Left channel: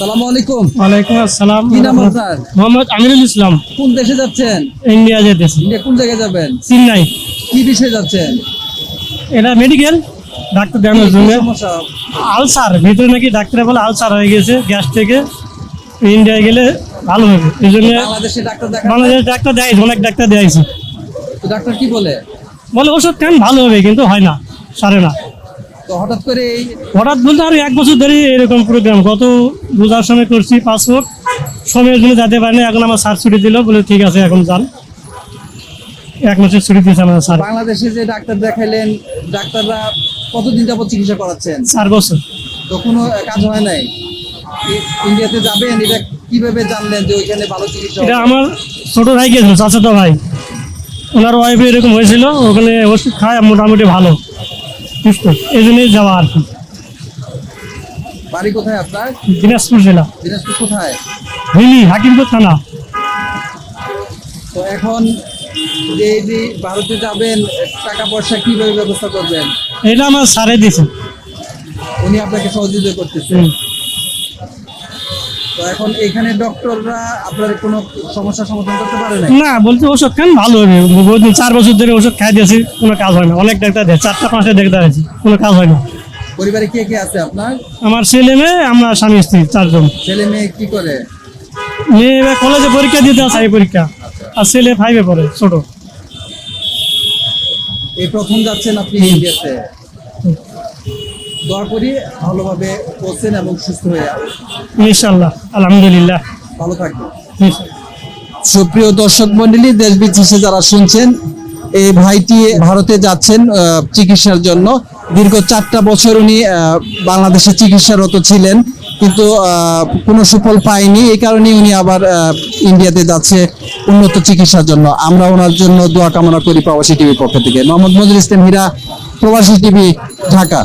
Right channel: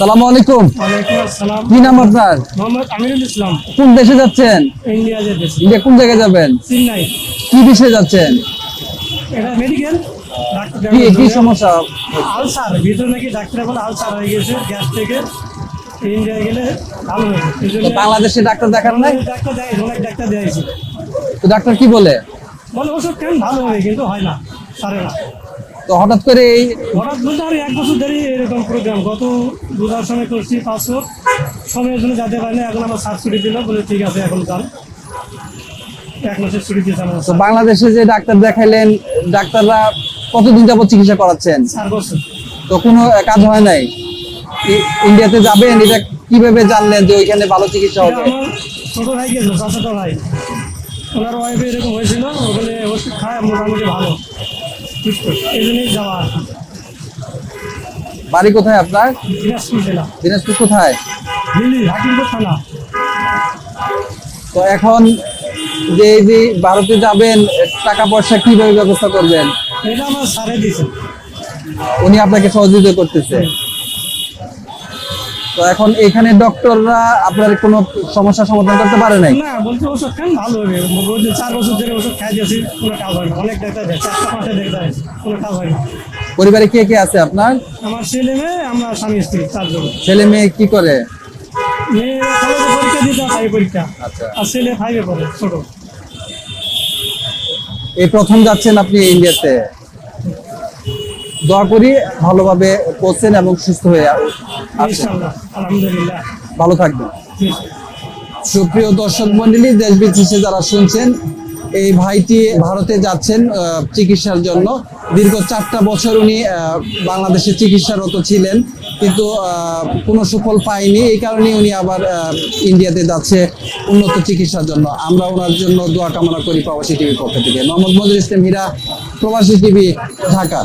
সালামু আলাইকুম। ওয়ালাইকুম আসসালাম। কি নাম আপনার? মোহাম্মদ আমিরুল ইসলাম। কোন দেশে যাচ্ছেন? ইন্ডিয়া যেতেছি। ইন্ডিয়া কোন জায়গায় যাবেন? চেন্নাই। কি বিষয়ে যাচ্ছেন? এটা মেডিকেল ডাক্তার কি দেখানোর কি জন্য। সমস্যা? আলসার ভিতরে নাকি ডাক্তার বলে আলসার হয়ে গেছে গ্যাস থেকে, ইন্ডিয়ায় গেলে ভালো হবে এই জন্য। বাংলাদেশে ডাক্তার দেখান নাই? বাংলাদেশের ডাক্তার দেখাইছে, অনেক ডাক্তার দেখাইছে, তো ডাক্তার কি বলে? বলে ওষুধ খান ভালো হবে, কিন্তু হয় না, সারে না। তো হঠাৎ করে এই হঠাৎ বলতে আর 1 বছর ধরে এরকম প্রোগ্রাম, গত রোজার সময় করছি পাসপোর্ট, সময়ের জন্য যেতে পারিনি। এখন আমার স্যার ছুটি দিল, বলে ঠিক আছে এখন যান। 1 মাসের ছুটি দিয়েছে আমার স্যার। বাংলাদেশে যে ডাক্তার দেখাইলেন, ডাক্তাররা কতদিন যাবত চিকিৎসা করাচ্ছেন? 4 বছর। তো কোনো কাজ হয় নাই? ইন্ডিয়াতে যাবেন, এটা কিভাবে জানলেন যে ওইখানে ভালো চিকিৎসা এটা হবে? আমার ছোট ভাই গেছিল, চাচাতো ভাই, ওনার ওয়াইফে এরকম হয়েছিল, ওখানে ওষুধ খায় মোটামুটি ভালো সুস্থ, এই জন্যই যাওয়া আর কি। বাড়ি কোথায় আপনার? দিনাজপুর জেলা, দিনাজপুর কোথায়? হিলি হাকিমপুর থানা। তো এখন যে এই যে ভারতে যাবেন, টাকা পয়সা কিভাবে ব্যবস্থা করবেন? এটা আমার স্যারে দিয়েছে। উনি আপনাকে সহযোগিতা করতেছে। তো এখন এখানে ডক্টররা আপনার কোনো সমস্যার সমাধান করতে পারে নাই? না, বলতে ওষুধ খান ভালো হবে। বহুদিন 4 বছর ধরে ওষুধ খাই দিয়েছি, কোনো কাজ হয় না। অনেক ডাক্তার দেয়, 4টা 5টা ডাক্তার আছে, কোনো কাজ হয় না। পরিবারে কে কে আছে আপনার? আমার ছেলে মেয়ে, আমরা স্বামী স্ত্রী 4 জন। ছেলে মেয়ে কি করে? মেয়ে এবার কলেজে পরীক্ষা দিতে আছে, এই পরীক্ষা। আর ছেলে 5-এ পড়ে, ছোট। এই প্রথম যাচ্ছেন আপনি ইন্ডিয়াতে। দোয়া করি ভালোভাবে পৌঁছেন এবং সুস্থ হয়ে ইনশাআল্লাহ, আলহামদুলিল্লাহ। ভালো থাকবেন। হুম। সুপ্রিয় দর্শক মন্ডলী, দেশ বিদেশে যারা শুনছেন, এই ভাইটি ভারতে যাচ্ছেন চিকিৎসার জন্য। দীর্ঘ 4টা বছর উনি বাংলাদেশে চিকিৎসারত ছিলেন, কিন্তু কোনো সুফল পায়নি। এই কারণে উনি আবার ইন্ডিয়াতে যাচ্ছে উন্নত চিকিৎসার জন্য। আমরা ওনার জন্য দোয়া কামনা করি প্রবাসী টিভির পক্ষ থেকে। মোহাম্মদ মনিরুল ইসলাম হীরা, প্রবাসী টিভি, ঢাকা।